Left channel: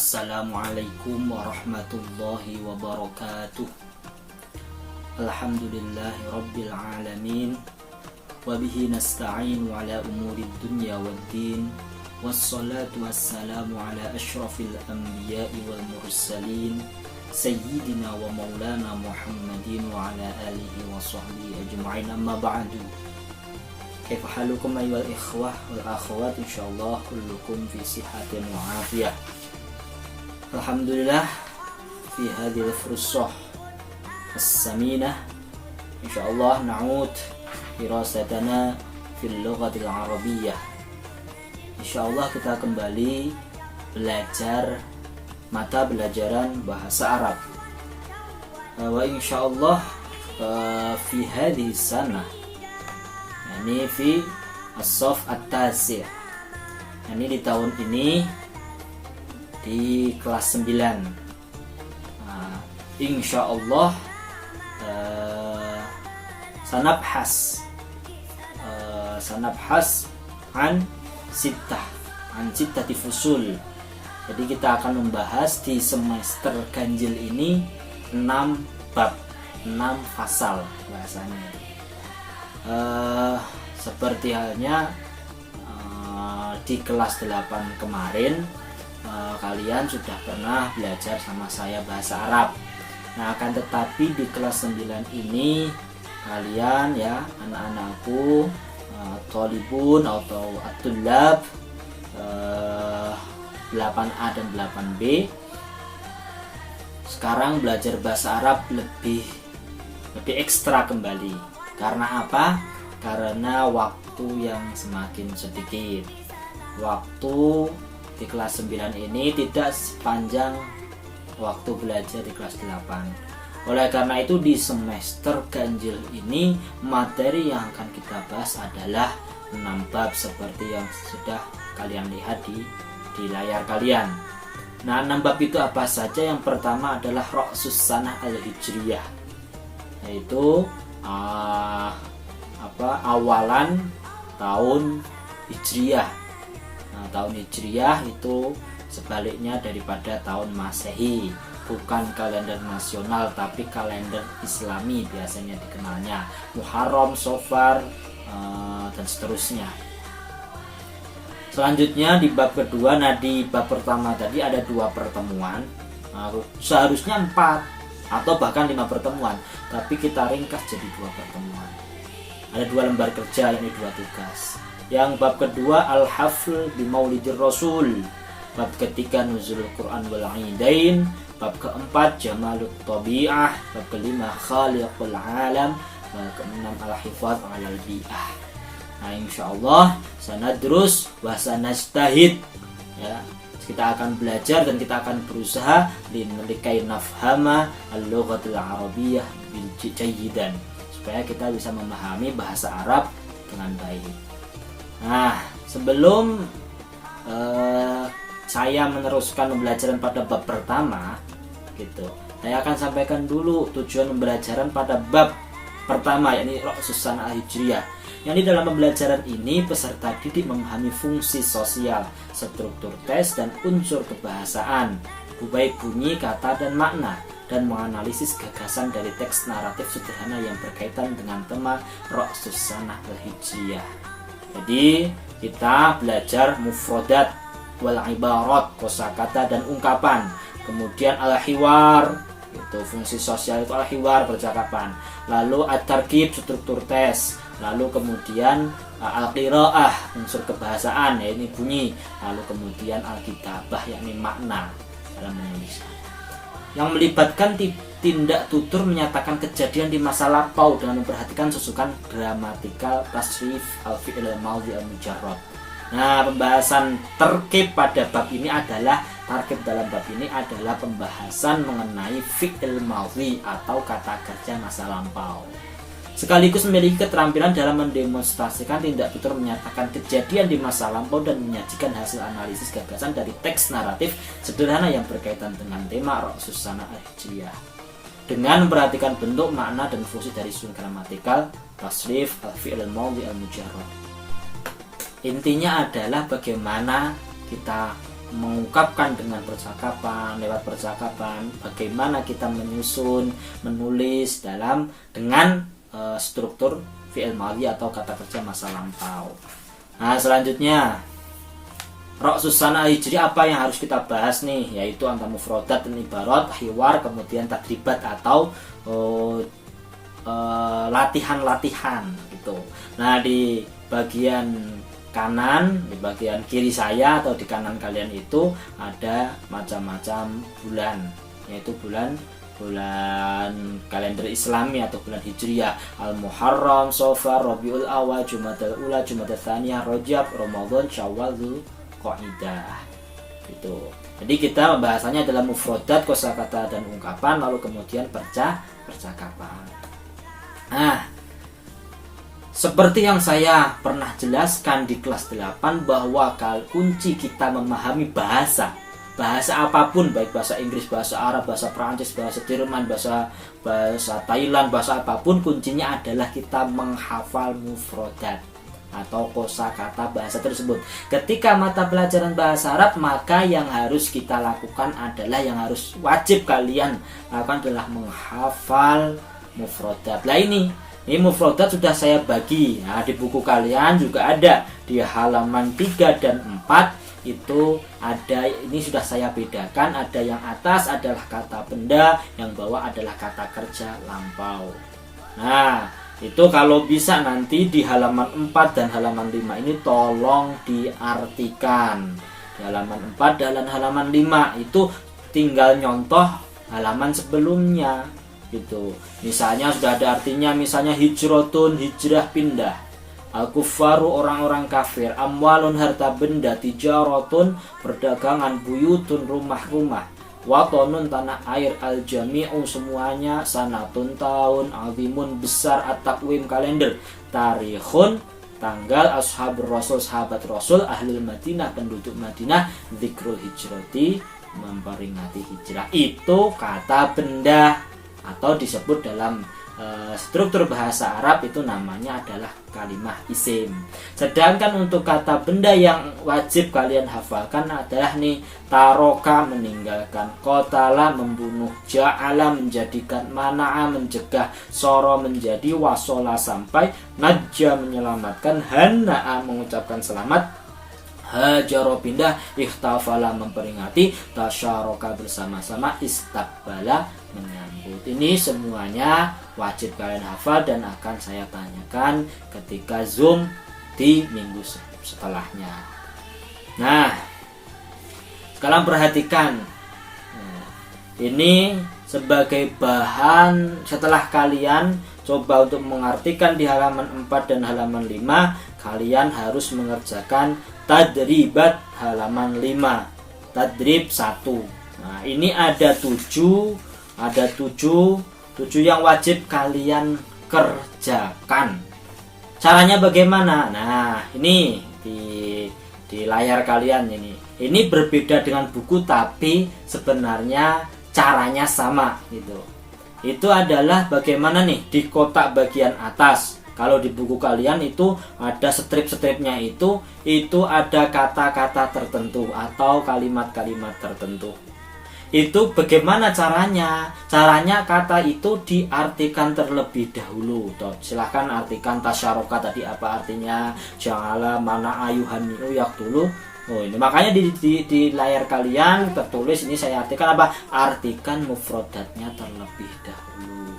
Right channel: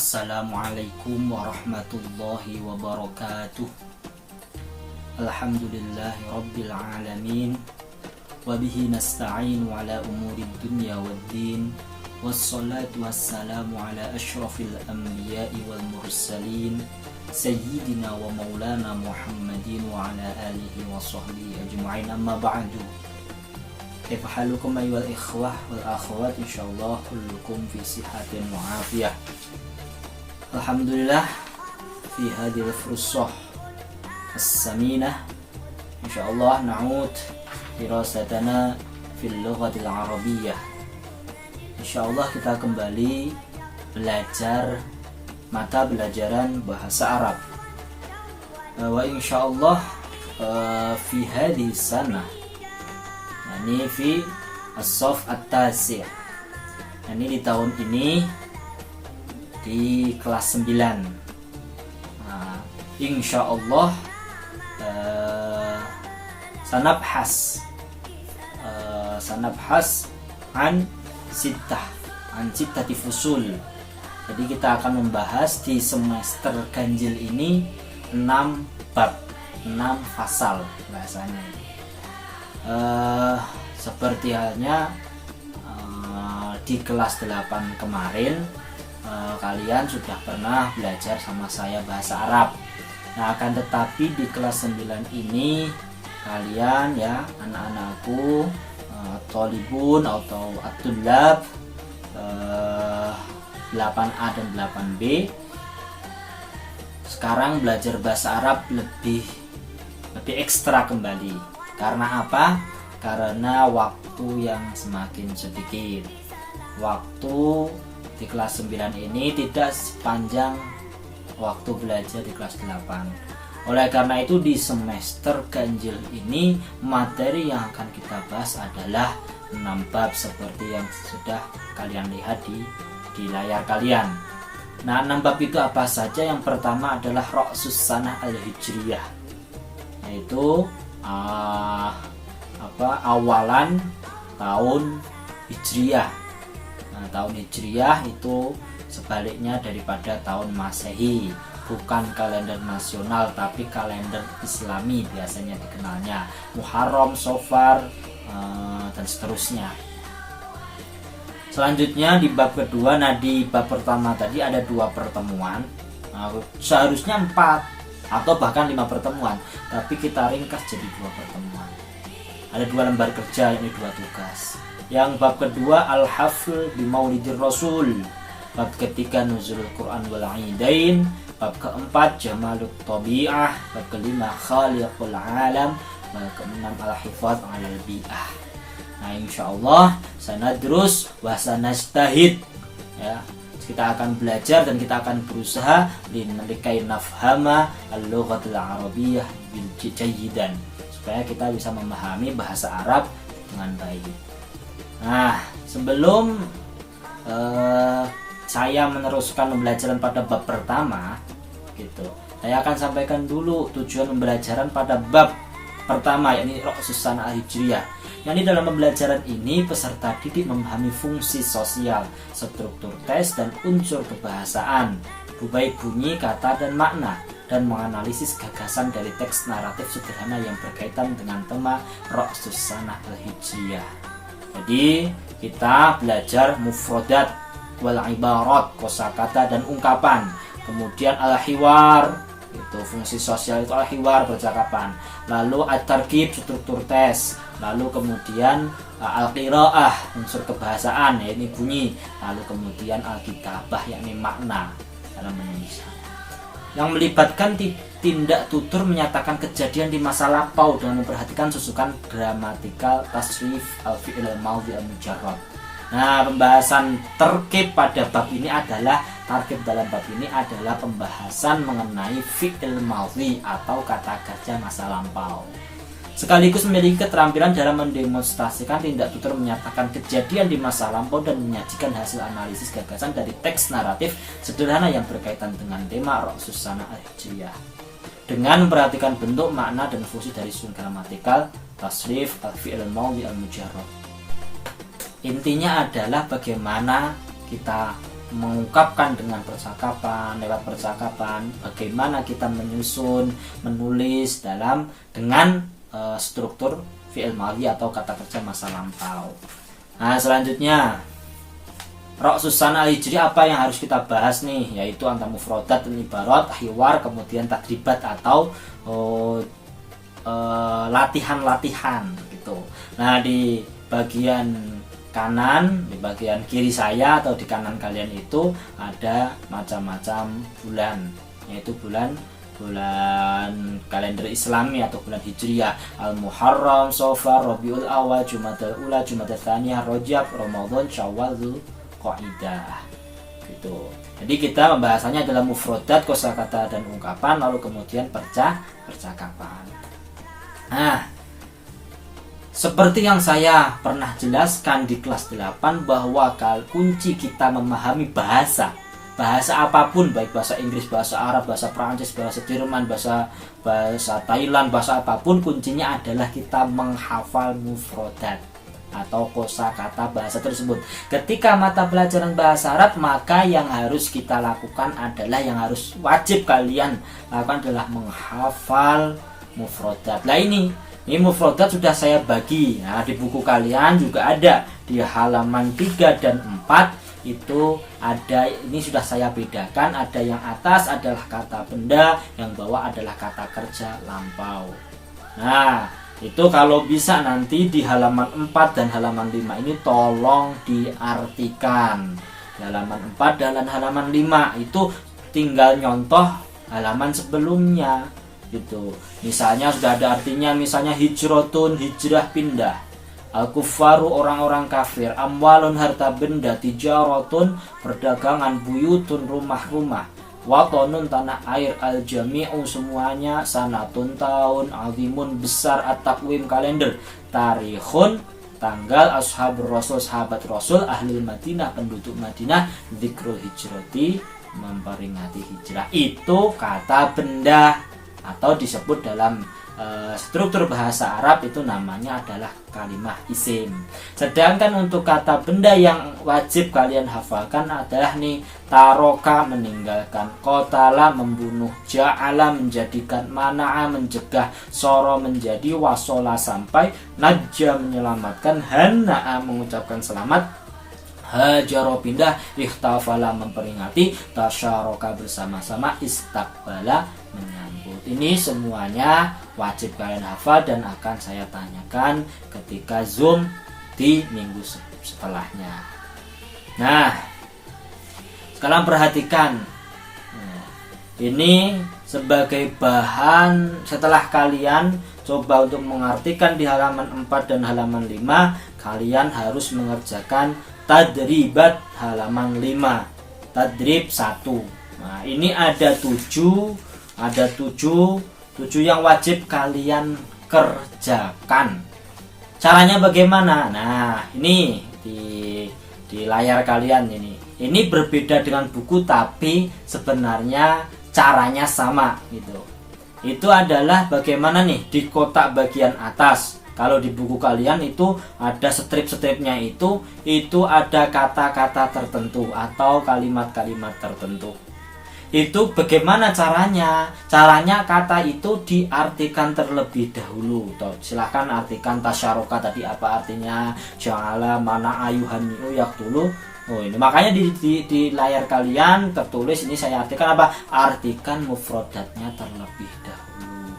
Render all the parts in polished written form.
Assalamualaikum warahmatullahi wabarakatuh. Alhamdulillahi rabbil alamin. Wabihi nasta'in ala umuri dunya waddin. Wassalatu wassalamu ala ashrafil anbiya'i wal mursalin, Sayyidina wa maulana Muhammadin wa ala alihi wa sahbihi ajma'in, amma ba'du. Kaifa halukum ayyuhal ikhwah wal akhwat, insyaallah kullukum fi sihatin wa afiyah. Alhamdulillah, fi hadhil fursah as-saminah insyaallah na'ud dirasatana fil lughatil arabiyyah. Insyaallah kita kembali belajar mata pelajaran bahasa Arab. Wa insyaallah fi hadhihi sanah, yani fi as-saf at-tasi', yani di tahun ini di kelas 9. Insyaallah sanabhas an sittati fusul. Jadi kita akan membahas di semester ganjil ini 6 bab, 6 fasal bahasanya. Seperti halnya di kelas 8 kemarin, kalian sudah pernah belajar sama saya bahasa Arab. Nah, akan tetapi di kelas 9 ini kalian, ya, anak-anakku, tolibun atau at-tullab 8A dan 8B, sekarang belajar bahasa Arab lebih ekstra kembali. Karena apa? Karena waktu yang semakin sedikit. Waktu di kelas 9 ini tidak sepanjang waktu belajar di kelas 8. Oleh karena itu di semester ganjil ini materi yang akan kita bahas adalah 6 bab seperti yang sudah kalian lihat di layar kalian. Nah, 6 bab itu apa saja? Yang pertama adalah Ra'sus Sanah Al-Hijriyah, yaitu awalan tahun Hijriyah. Nah, tahun Hijriyah itu sebaliknya daripada tahun Masehi, bukan kalender nasional tapi kalender Islami biasanya dikenalnya, Muharram, Safar, dan seterusnya. Selanjutnya di bab kedua, nah di bab pertama tadi ada 2 pertemuan, seharusnya 4 atau bahkan 5 pertemuan, tapi kita ringkas jadi 2 pertemuan. Ada 2 lembar kerja, ini 2 tugas. Yang bab kedua Al-Hafl bi Maulidir Rasul, bab ketiga Nuzulul Quran wal Aidain, bab keempat Jamalut Tabi'ah, bab kelima Khaliqul Alam, bab keenam Al-Hifaz 'alal Bi'ah. Nah, insyaallah sanadrus wa sanajtahid, ya. Kita akan belajar dan kita akan berusaha likai nafhama al-lughatul arabiyyah bil jayyidan, supaya kita bisa memahami bahasa Arab dengan baik. Nah, sebelum saya meneruskan pembelajaran pada bab pertama, gitu, saya akan sampaikan dulu tujuan pembelajaran pada bab pertama, yakni Ra'sus Sanah Al-Hijriyah. Yang di dalam pembelajaran ini peserta didik memahami fungsi sosial, struktur tes dan unsur kebahasaan, baik bunyi, kata, dan makna, dan menganalisis gagasan dari teks naratif sederhana yang berkaitan dengan tema Ra'sus Sanah Al-Hijriyah. Jadi kita belajar mufradat wal ibarat, kosakata dan ungkapan. Kemudian al-hiwar, itu fungsi sosial, itu al-hiwar, percakapan. Lalu at-tarkib, struktur tes. Lalu kemudian al-qiraah, unsur kebahasaan, ya ini bunyi. Lalu kemudian al-kitabah, yakni makna dalam menulis, yang melibatkan tindak tutur menyatakan kejadian di masa lampau dengan memperhatikan susunan gramatikal, tasrif, al-fi'il al-madhi al-mujarrad. Nah, pembahasan terkib pada bab ini adalah pembahasan mengenai fi'il madhi atau kata kerja masa lampau. Sekaligus memiliki keterampilan dalam mendemonstrasikan tindak tutur menyatakan kejadian di masa lampau dan menyajikan hasil analisis gagasan dari teks naratif sederhana yang berkaitan dengan tema Ra'sus Sanah Al-Hijriyah, dengan memperhatikan bentuk, makna, dan fungsi dari susun gramatikal, tasrif, al-fi'il al-madhi al-mujarrad. Intinya adalah bagaimana kita mengungkapkan dengan percakapan, lewat percakapan, bagaimana kita menyusun, menulis dengan struktur fi'il madhi atau kata kerja masa lampau. Nah, selanjutnya Ra'sus Sanah Al-Hijriyah, apa yang harus kita bahas nih, yaitu antara mufradat dan ibarat, hiwar, kemudian tadribat atau latihan-latihan gitu. Nah, di bagian kanan, di bagian kiri saya atau di kanan kalian itu ada macam-macam bulan, yaitu bulan kalender Islami atau bulan Hijriyah: Al-Muharram, Safar, Rabiul Awal, Jumadal Ula, Jumadal Tsaniyah, Rajab, Ramadan, Syawal, Dzulqa'dah gitu. Jadi kita pembahasannya adalah mufradat, kosakata dan ungkapan, lalu kemudian percakapan. Nah, seperti yang saya pernah jelaskan di kelas 8 bahwa kunci kita memahami bahasa apapun, baik bahasa Inggris, bahasa Arab, bahasa Prancis, bahasa Jerman, bahasa Thailand, bahasa apapun, kuncinya adalah kita menghafal mufradat atau kosakata bahasa tersebut. Ketika mata pelajaran bahasa Arab, maka yang harus kita lakukan adalah, yang harus wajib kalian lakukan adalah menghafal mufradat. Nah, ini mufradat sudah saya bagi. Nah, di buku kalian juga ada di halaman 3 dan 4 itu ada, ini sudah saya bedakan, ada yang atas adalah kata benda, yang bawah adalah kata kerja lampau. Nah, itu kalau bisa nanti di halaman 4 dan halaman 5 ini tolong diartikan. Di halaman 4 dan halaman 5 itu tinggal nyontoh halaman sebelumnya gitu. Misalnya sudah ada artinya, misalnya hijrotun, hijrah, pindah. Al-kuffaru, orang-orang kafir. Amwalun, harta benda. Tijarotun, perdagangan. Buyutun, rumah-rumah. Watonun, tanah air. Al-jami'u, semuanya. Sanatun, tahun. Azimun, besar. At-taqwim, kalender. Tarikhun, tanggal. Ashabur rasul, sahabat rasul. Ahlul Madinah, penduduk Madinah. Dzikrul hijrati, memperingati hijrah. Itu kata benda, atau disebut dalam struktur bahasa Arab itu namanya adalah kalimah isim. Sedangkan untuk kata benda yang wajib kalian hafalkan adalah nih: taroka, meninggalkan; qatala, membunuh; ja'ala, menjadikan; mana'a, mencegah; soro, menjadi; wasola, sampai; najja, menyelamatkan; hana'a, mengucapkan selamat; hajaro, pindah; ikhtafala, memperingati; tasyaroka, bersama-sama; istakbala, menyambut. Ini semuanya wajib kalian hafal dan akan saya tanyakan ketika Zoom di minggu setelahnya. Nah, sekarang perhatikan. Ini sebagai bahan setelah kalian coba untuk mengartikan di halaman 4 dan halaman 5, kalian harus mengerjakan tadribat halaman 5. Tadrib 1. Nah, ini ada 7 yang wajib kalian kerjakan. Caranya bagaimana? Nah, ini di layar kalian ini. Ini berbeda dengan buku, tapi sebenarnya caranya sama gitu. Itu adalah bagaimana nih di kotak bagian atas. Kalau di buku kalian itu ada strip-stripnya, itu ada kata-kata tertentu atau kalimat-kalimat tertentu. Itu bagaimana caranya? Caranya kata itu diartikan terlebih dahulu. Silahkan artikan. Tasyaroka tadi apa artinya? Ja'ala, mana, ayuhani'u, yaktulu. Oh, ini makanya di layar kalian tertulis ini saya artikan apa? Artikan mufradatnya terlebih dahulu.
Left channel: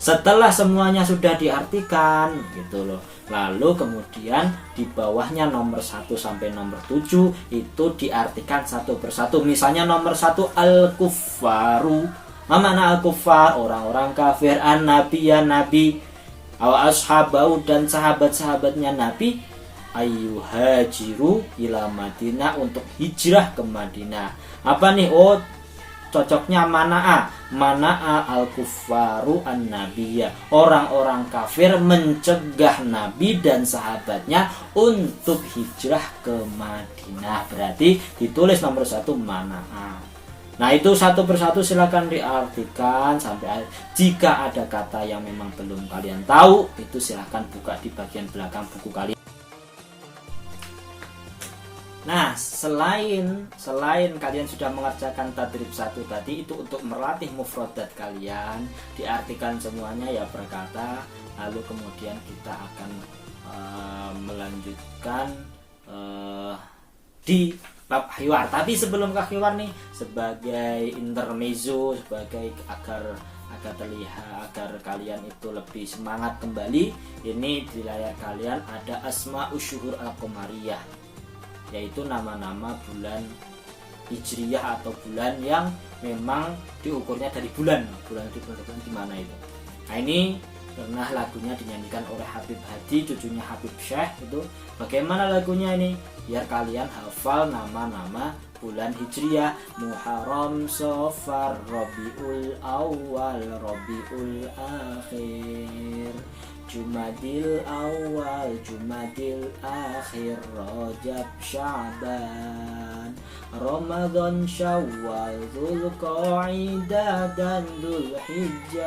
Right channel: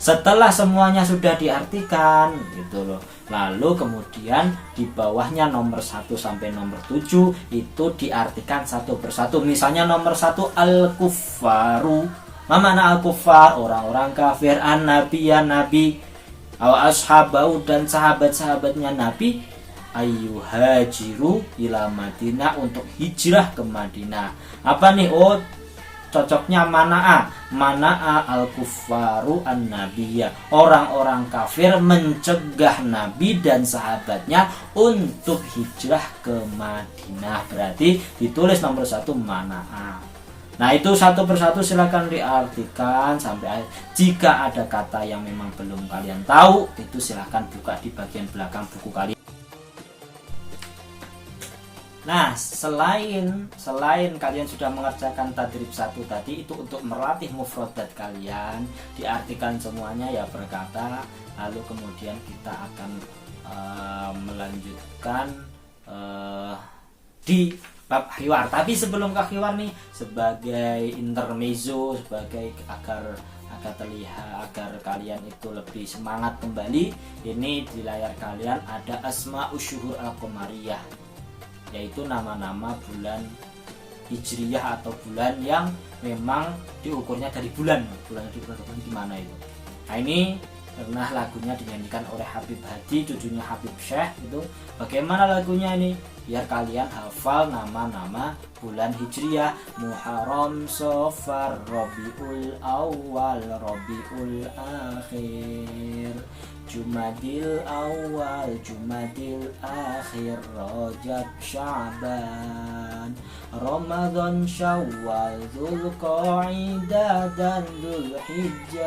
Setelah semuanya sudah diartikan gitu loh, lalu kemudian di bawahnya nomor 1 sampai nomor 7 itu diartikan satu persatu. Misalnya nomor 1 al-kuffaru. Mana al-kuffar? Orang-orang kafir. An-nabiya, nabi. Ashabau, dan sahabat-sahabatnya nabi. Ayyuhajiru ila Madinah, untuk hijrah ke Madinah. Apa nih? Oh, cocoknya mana'a al-kuffaru an-nabiyya. Orang-orang kafir mencegah nabi dan sahabatnya untuk hijrah ke Madinah. Berarti ditulis nomor 1 mana'a. Nah, itu satu persatu silakan diartikan sampai akhir. Jika ada kata yang memang belum kalian tahu, itu silakan buka di bagian belakang buku kalian. Nah, selain kalian sudah mengerjakan tadrib 1 tadi, itu untuk melatih mufradat kalian, diartikan semuanya ya berkata, lalu kemudian kita akan melanjutkan di bab hiwar. Tapi sebelum ke hiwar nih, sebagai intermezzo, sebagai agar terlihat, agar kalian itu lebih semangat kembali, ini di layar kalian ada asma'us syuhur al-qamariyah, yaitu nama-nama bulan hijriyah atau bulan yang memang diukurnya dari bulan itu gimana itu. Nah, ini pernah lagunya dinyanyikan oleh Habib Hadi, cucunya Habib Syekh. Itu bagaimana lagunya ini, biar kalian hafal nama-nama bulan hijriyah: Muharram, Safar, Rabiul Awal, Rabiul Akhir, Jumadil Awal, Jumadil Akhir, Rajab, Sya'ban, Ramadan, Syawal, Dzulqa'dah dan Dzulhijjah.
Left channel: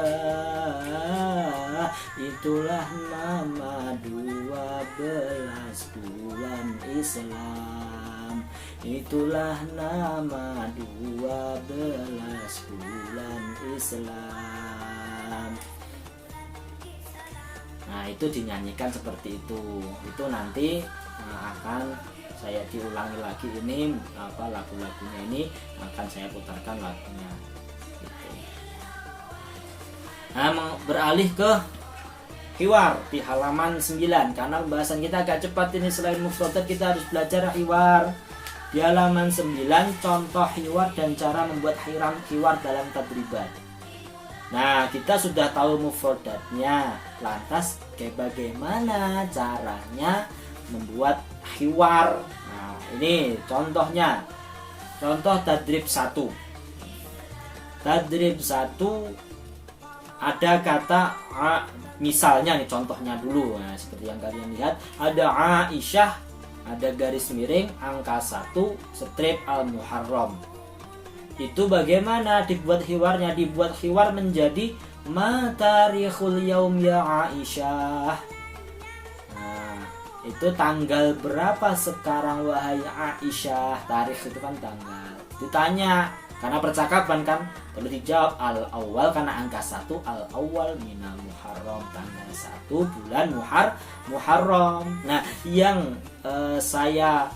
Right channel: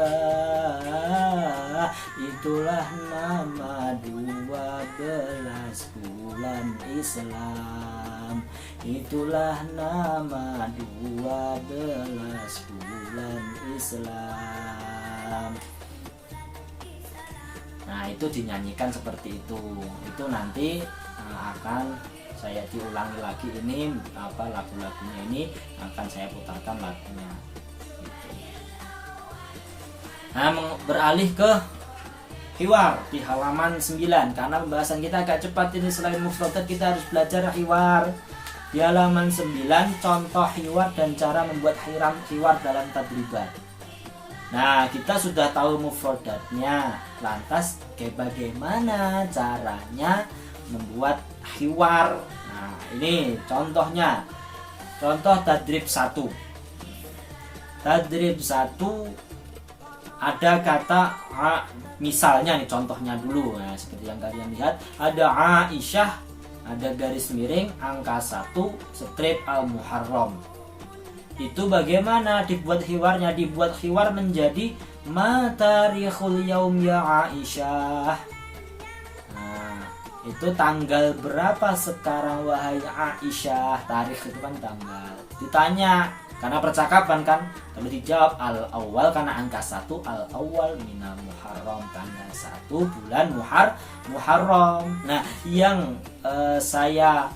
Itulah nama 12 bulan Islam. Itulah nama 12 bulan Islam. Nah, itu dinyanyikan seperti itu. Itu nanti akan saya diulangi lagi, ini lagu-lagunya ini akan saya putarkan lagunya gitu. Nah, beralih ke hiwar di halaman 9, karena pembahasan kita agak cepat ini. Selain mufradat kita harus belajar hiwar. Di halaman 9 contoh hiwar dan cara membuat hiwar dalam tadribat. Nah, kita sudah tahu mufradatnya, lantas bagaimana caranya membuat hiwar. Nah, ini contohnya. Contoh tadrib 1. Tadrib 1 ada kata misalnya nih, contohnya dulu. Nah, seperti yang kalian lihat, ada Aisyah, ada garis miring angka 1 strip al-Muharram. Itu bagaimana dibuat hiwarnya? Dibuat hiwar menjadi ma tarikhul yaum ya Aisyah. Nah, itu tanggal berapa sekarang wahai Aisyah? Tarikh itu kan tanggal. Ditanya, karena percakapan kan, perlu dijawab al-awwal karena angka 1, al-awwal minal Muharram, tanggal 1 bulan Muharram. Nah, yang saya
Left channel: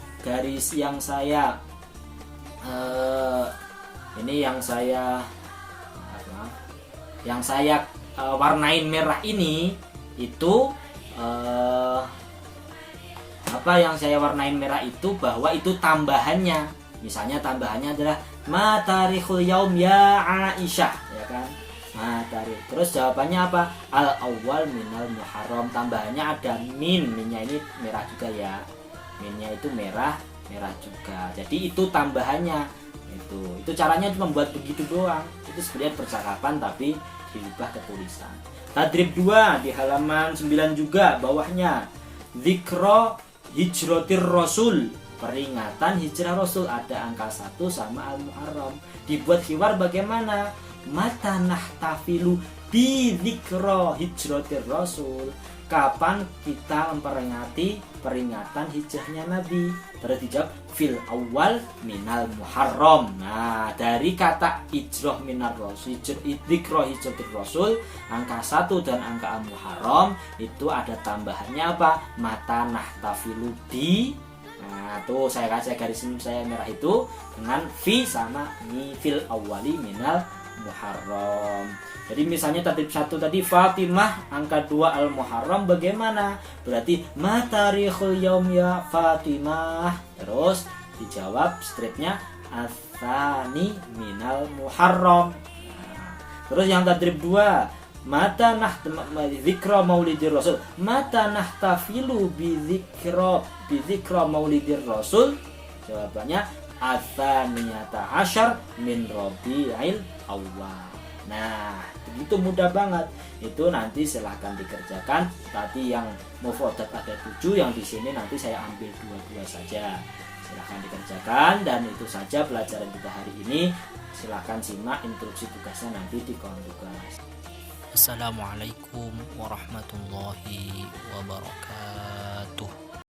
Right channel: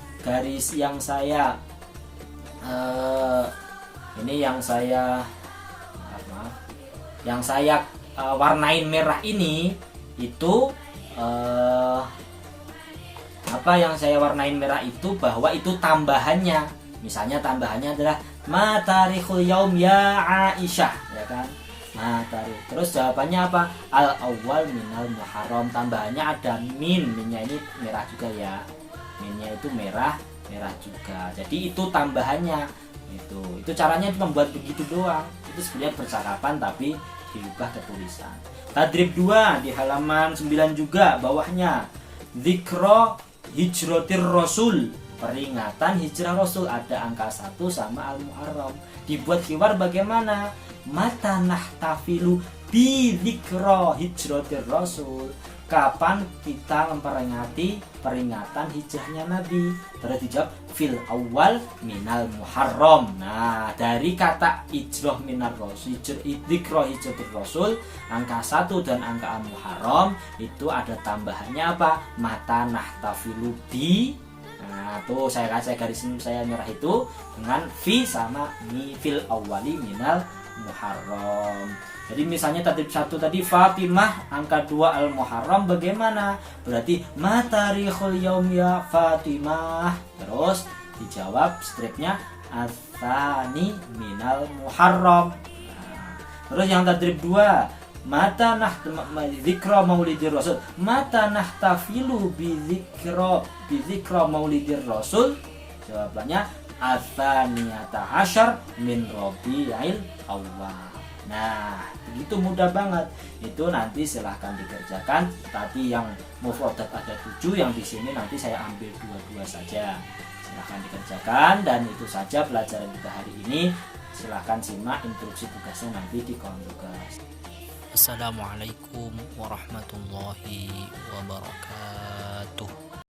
warnain merah ini, itu yang saya warnain merah itu bahwa itu tambahannya. Misalnya tambahannya adalah ma tarikhul yaum ya Aisyah, ya kan? Ma tarikh. Terus jawabannya apa? Al awwal minal Muharram. Tambahannya ada minnya ini merah juga ya. Minnya itu merah juga. Jadi itu tambahannya. Itu caranya membuat begitu doang. Itu sebenarnya percakapan tapi diubah ke tulisan. Tadrib 2 di halaman 9 juga, bawahnya Dzikra hijratir Rasul, peringatan hijrah Rasul, ada angka 1 sama al-Muharram. Dibuat hiwar bagaimana? Mata nahtafilu bi dzikra hijratir Rasul. Kapan kita memperingati peringatan hijrahnya Nabi? Terus dijawab fil awal minal Muharram. Nah, dari kata hijrah minar Rasul, dzikra hijratir Rasul, angka 1 dan angka Muharram itu ada tambahannya apa? Mata nahtafilu bi. Nah, tuh saya garis saya merah itu dengan fi sama mi fil awali minal Muharram. Jadi misalnya tadrib 1 tadi Fatimah, angka 2 al-Muharram, bagaimana? Berarti ma tarikhul yaum ya Fatimah. Terus dijawab stripnya ats-tsani minal Muharram. Nah, terus yang tadrib 2, mata dzikra maulidir Rasul. Mata nahtafilu bi dzikra maulidir Rasul. Jawabannya ats-tsaniyata asyar min Rabiul Awwal. Nah, begitu mudah banget. Itu nanti silahkan dikerjakan. Tadi yang mufradat ada 7, yang di sini nanti saya ambil 2 saja. Silahkan dikerjakan, dan itu saja pelajaran kita hari ini. Silahkan simak instruksi tugasnya nanti di kolom tugas. Assalamualaikum warahmatullahi wabarakatuh.